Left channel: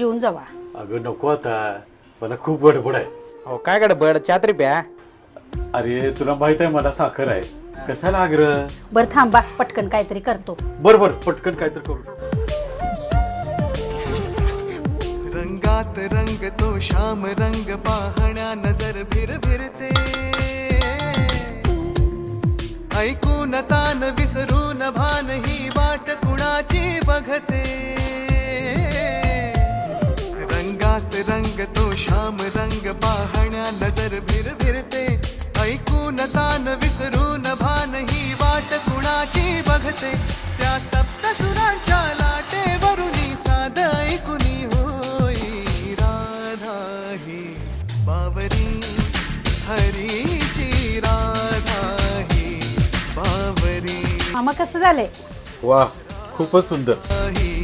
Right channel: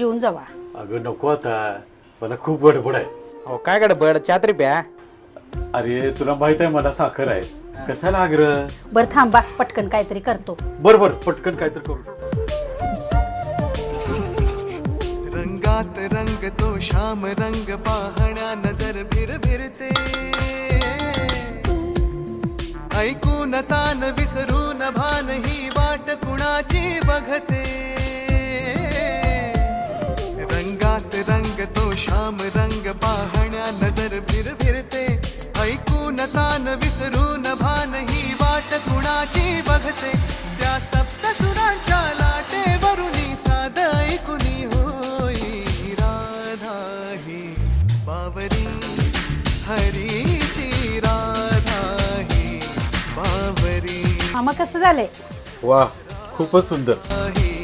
येऊन जावा. अगं नको आता, मला खूप गडबड आहे. हो काय गडबड चात्री प्या. अरे तुला माहित आहे मला साखर आहे, कशाला आग्रह. बर थांबा, पटकन काहीतरी करतो. बर पटकन काहीतरी करू. रंगात रंग तो श्याम रंग पाहण्या नजर भिरभिरते, ऐकून तान विसरून भान ही वाट कुणाची बघते. रंगात रंग तो श्याम रंग पाहण्या नजर भिरभिरते, ऐकून तान विसरून भान ही वाट कुणाची बघते. त्या सप्तसुरांच्या लाटेवरुनी साध ऐकुनी होई राधा ही बावरी, हरीची राधा ही बावरी. मामा कसं झालंय? वा खूपच सुंदर. ही